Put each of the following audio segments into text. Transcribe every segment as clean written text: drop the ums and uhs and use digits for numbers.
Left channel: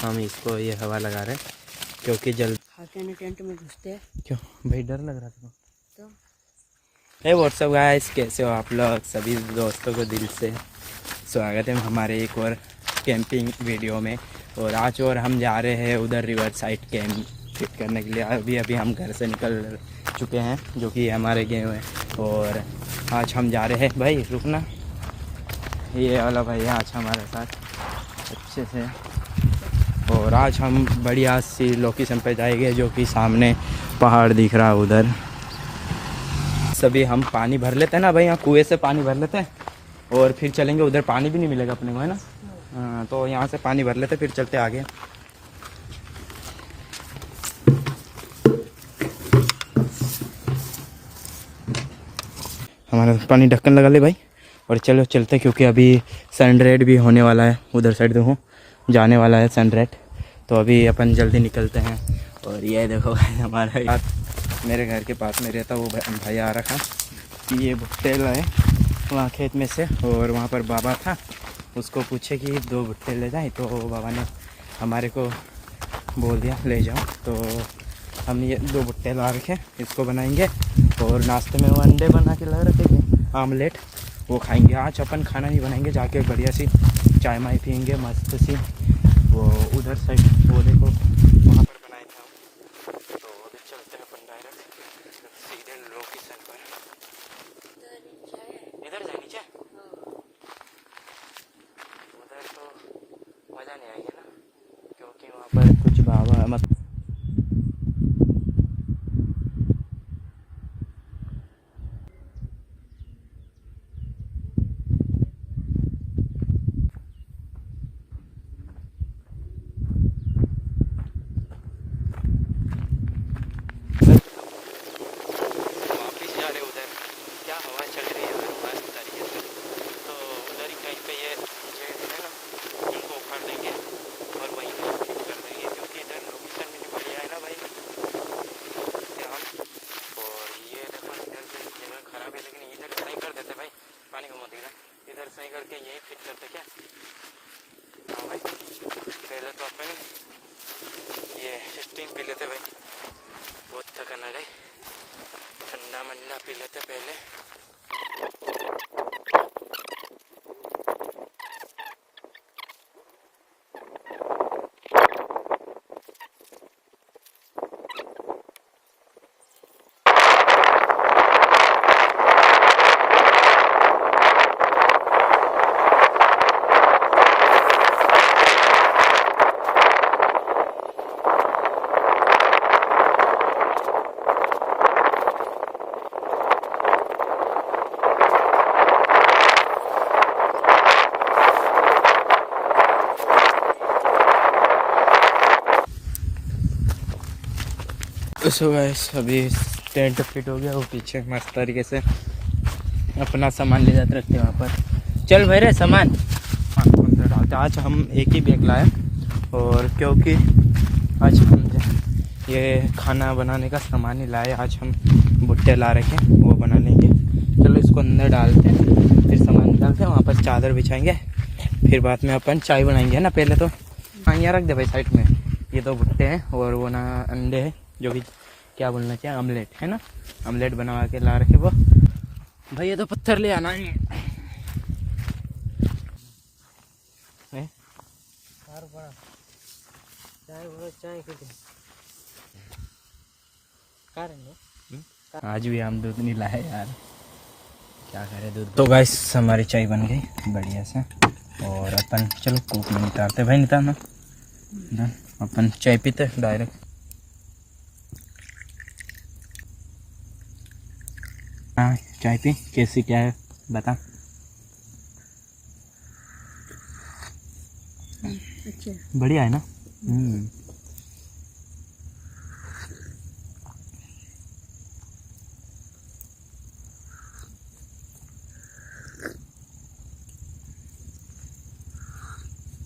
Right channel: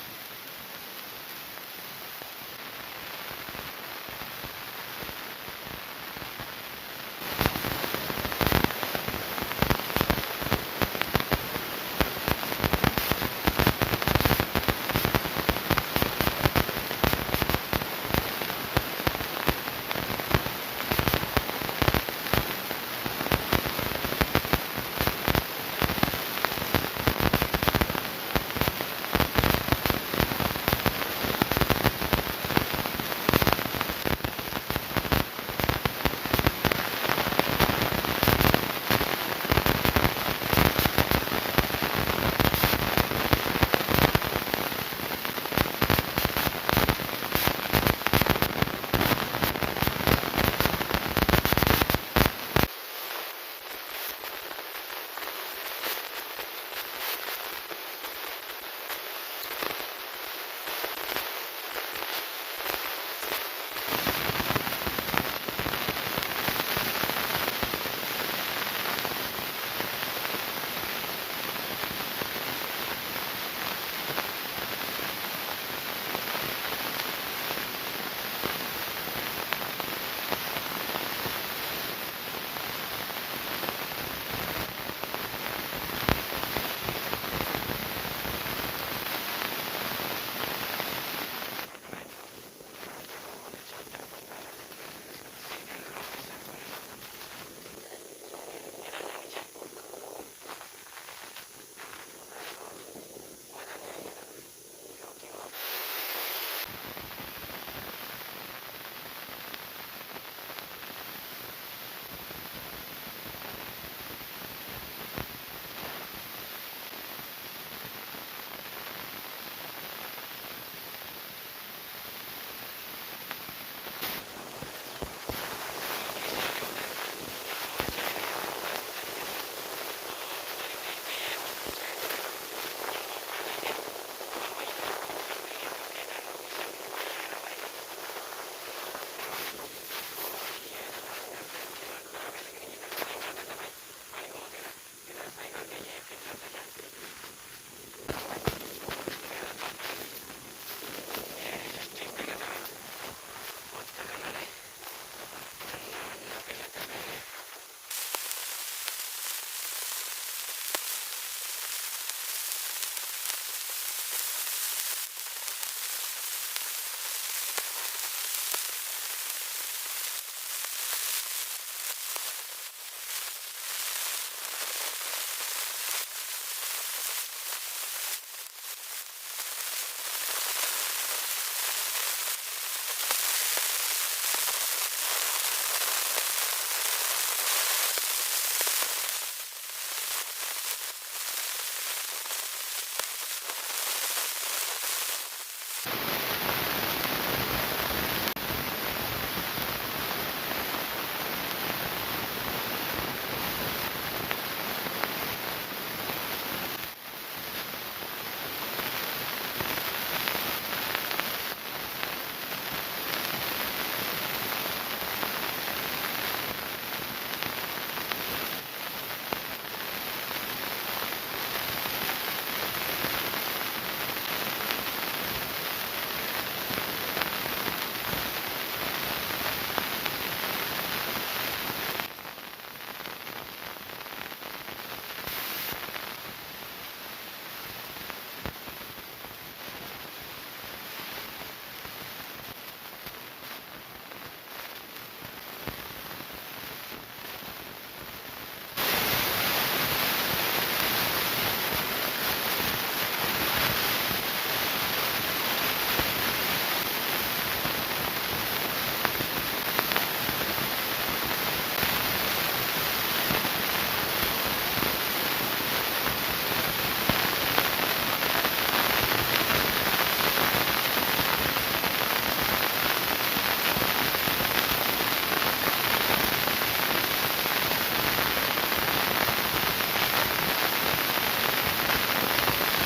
हम इसको ये हवा लगा रहे हैं क्योंकि जल्द भाई डर लग रहा है। व्हाट्सअप गाइस, कैसे हो आप लोग? सभी दोस्तों को दिल से स्वागत है हमारे एक और कैंपिंग वीडियो में। और आज और हम जा रहे हैं उधर रिवर साइड कैंप करने के लिए। अभी अभी हम घर से निकल चुके हैं जो कि हमारे गेम है। और आज हम जा रहे हैं भाई रुकना, ये वाला भाई आज हमारे साथ अच्छे हैं। और आज हम बढ़िया सी लोकेशन पर जाएंगे जो कि सामने पहाड़ दिख रहा है उधर। सभी हम पानी भर लेते हैं ना भाई, यहाँ कुएँ से पानी भर लेते हैं और फिर चलेंगे उधर। पानी भी नहीं मिलेगा अपने है ना, तो यहाँ से पानी भर लेते फिर चलते आगे। हमारा पानी ढक्कन लगा ले भाई और चलो चलते, क्योंकि अभी सनराइज भी होने वाला है। उधर साइड देखो जाने वाला है सनराइज, तो अभी अपन जल्दी निकलते हैं। और ये देखो भाई हमारा यार मेरे घर के पास में रहता वो भैया आ रहा था, ये भुट्टे लाए वहाँ खेत में से। और वहाँ पर बाबा था, उसको पूछे कि 2 भुट्टे ले जाएँ, तो बाबा ने हमारे को बोल दिया ले जाए। तो हम ये 2 भुट्टे ला रखे, इसको बनाएंगे। और नाश्ते में वो अंडे बना के ला रखे थे, आमलेट, वो खाएंगे। आज अपन खाना नहीं बनाएंगे, जाके बढ़िया सी चाय माय पीएंगे मस्त सी। तो उधर साइड बोले तो वहाँ पर बनाएंगे। तो अभी चलते हैं अपन जाना सीधे लोकेशन पर। इधर से नीचे उधर तो मज़ा नहीं आएगा ना, क्योंकि वहाँ पर कुछ गाँव मतलब वापिस जा रहे उधर। क्या हवा चल रही है मस्त तरीके से। तो उधर ही कहीं पे ये नीचे इनको उखाड़ देंगे और वहीं पे कर देंगे, क्योंकि इधर लोकेशन बढ़िया है ना भाई। और ये जगह इधर से थोड़ा खराब है, लेकिन इधर से नहीं कर देते भाई, पानी घुमा देना। इधर से करके यही फिट करते क्या। हाँ भाई, पहले तो अपन ये स्टिंग पी लेते भाई, बहुत थका लड़े, ठंडा वंडा पी लेते पहले। सो गाइस अभी टेंट फिट हो गया, वो पीछे मस्त तरीके से अपना सामान ले जाते रहते हैं यहाँ पर। चल भाई रे सामान। आज हम एक ही बैग लाए, और क्योंकि आज ये खाना बनाने का सामान ही लाए। आज हम भुट्टे ला रखे हैं, वो बना लेंगे। चलो इसको अंदर डालते हैं, फिर सामान डालते हैं, वहाँ पर चादर बिछाएंगे, फिर बाद में अपन चाय बनाएंगे है ना। पहले तो हाँ यहाँ रख दे भाई साइड में। ये 2 भुट्टे हैं और वो ना अंडे हैं, जो भी क्या बोलना क्या आमलेट है ना, आमलेट बना के ला रखे वो भाई। ये तो पत्थर ले आना है। आज भी हम दूध नहीं लाए यार, क्या करें दूध। तो गाइस हमारी चाय बन गई बढ़िया से। और अपन चलो कूप में निकालते भाई, निकालना अपन चाय पीते डायरेक्ट। हाँ चाय की कैसी क्या है बता। बढ़िया है ना।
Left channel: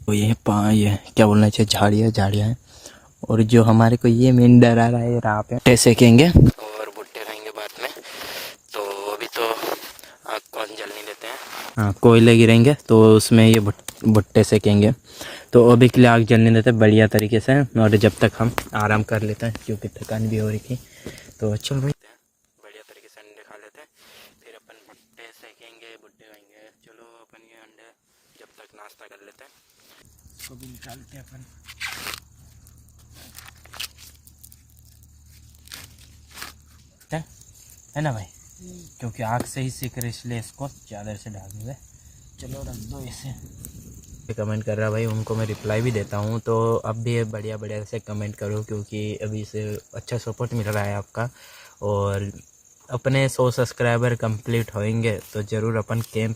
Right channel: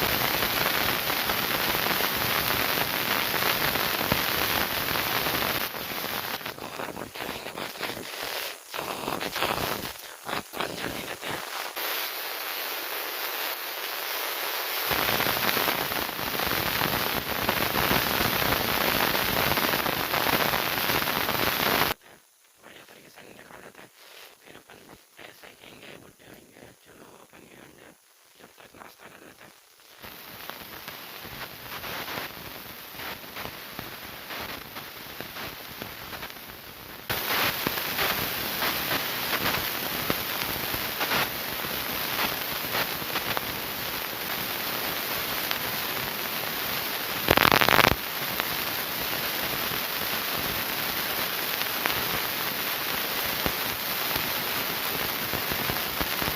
तो ये क्या बोलना चाहिए, झाड़ियाँ। और जो हमारे को ये नींदर आ रहा है, आप भुट्टे सेकेंगे और भुट्टे रहेंगे बाद में। तो अभी तो आग को जलने देते हैं, हाँ कोयले गिरेंगे तो उसमें ये भुट्टे सेकेंगे। तो अभी के लिए आग जलने देते हैं बढ़िया तरीके से, और जब तक हम आराम कर लेते हैं क्योंकि थकान भी हो रही थी। तो चलो बढ़िया तरीके से दिखा देते हैं, फिर अपन भुट्टे सेकेंगे, भुट्टे आएंगे। चलो अपन ये अंडे जब तक नाश्ता कर लेते हैं। है ना, क्योंकि आग सही से फिर इसलिए इसको ज़्यादा तो कमेंट कर रहा है भाई, उनको मैं रिप्लाई भी देता हूँ। तो अब भी ये बढ़िया बढ़िया से कमेंट करो, क्योंकि अभी तो अच्छा सपोर्ट मिल रहा है आपका। और अपने 100 सब्सक्राइबर कंप्लीट होंगे तो ज़रूर अपन कैंप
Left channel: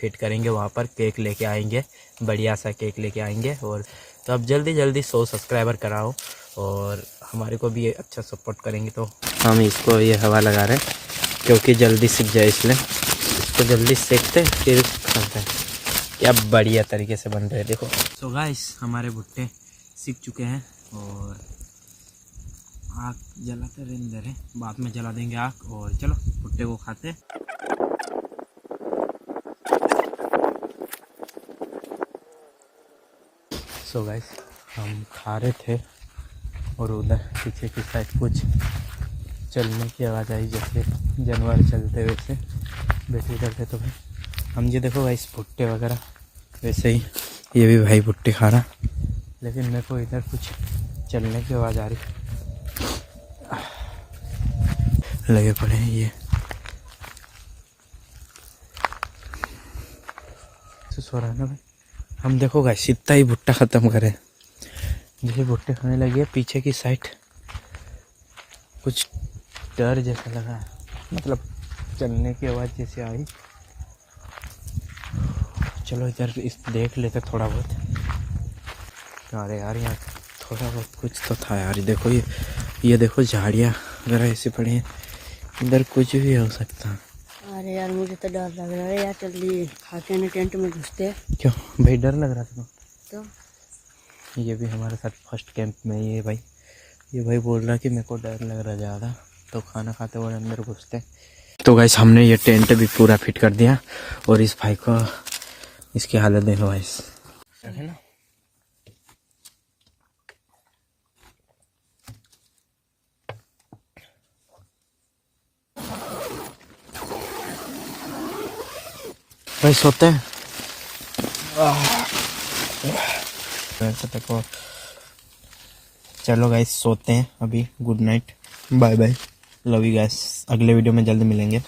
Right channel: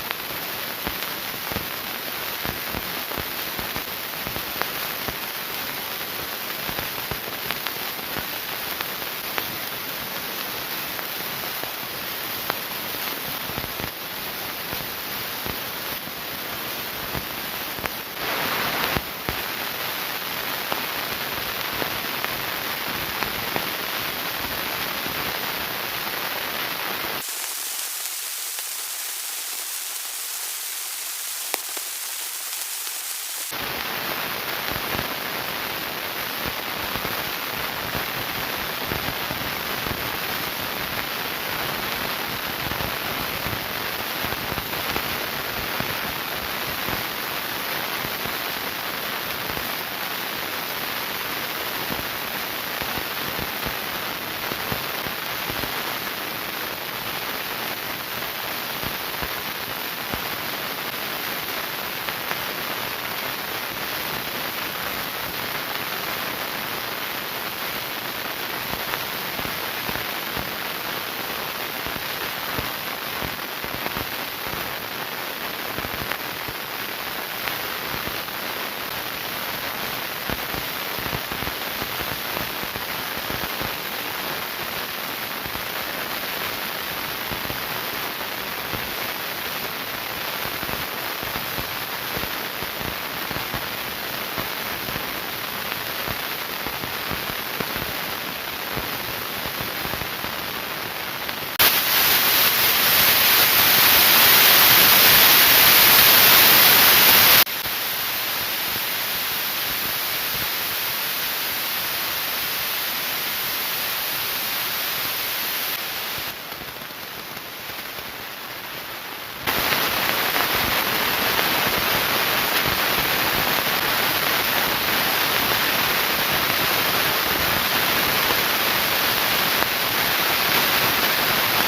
फिट करेंगे, वहाँ पर केक लेके आएंगे, बढ़िया सा केक लेके आएंगे। और तो अब जल्दी जल्दी 100 सब्सक्राइबर कराओ, और हमारे को भी अच्छा सपोर्ट करेंगे। तो हम इसको ये हवा लगा रहे हैं क्योंकि जल्दी सीख जाए, इसलिए इसको जल्दी सेकते फिर करते हैं। क्या बढ़िया तरीके से बन रहे हैं, देखो। तो गाइस हमारे भुट्टे सीख चुके हैं, चलो आ रहे थे और उधर पीछे की साइड कुछ चलने की आवाज़ आई, जैसे जानवर चलते हुए थे, जैसे चलते थे। हम भी देखो भाई भुट्टे वगैरह ऐसे ही, ये भी भाई भुट्टे खा रहा, लेकिन मैं तो उधर कुछ चलने की आवाज़ आ रही लगे पड़े। हम देखो भाई इतना ही भुट्टा ख़त्म करें, मुझे भुट्टा खाने लगे पीछे की साइड कुछ डर जैसा लगा, मतलब चलने की आवाज़ जैसे आई। चलो इधर इस देख लेते थोड़ा बहुत। अरे यार कुछ तो था यार, देखो ये देखो झाड़ियाँ ज़रा ऐसे पड़ी, इधर कुछ भी हो सकता है। क्या भाई डर लग रहा है, ये भी हमारे टेंट में है भाई। ये भाई बोल रहा कि मेरे को डर लग रहा है, तो खाना खाते हुए मेरे को। तो गाइस हमने ये टेंट भी पूरा फिट कर दिया, और इस भाई का इसके हालत में है। भाई सोते हैं, चलो गाइस सोते हैं अभी। Good night, bye bye, love you guys. अगले वीडियो में जल्दी मिलेंगे।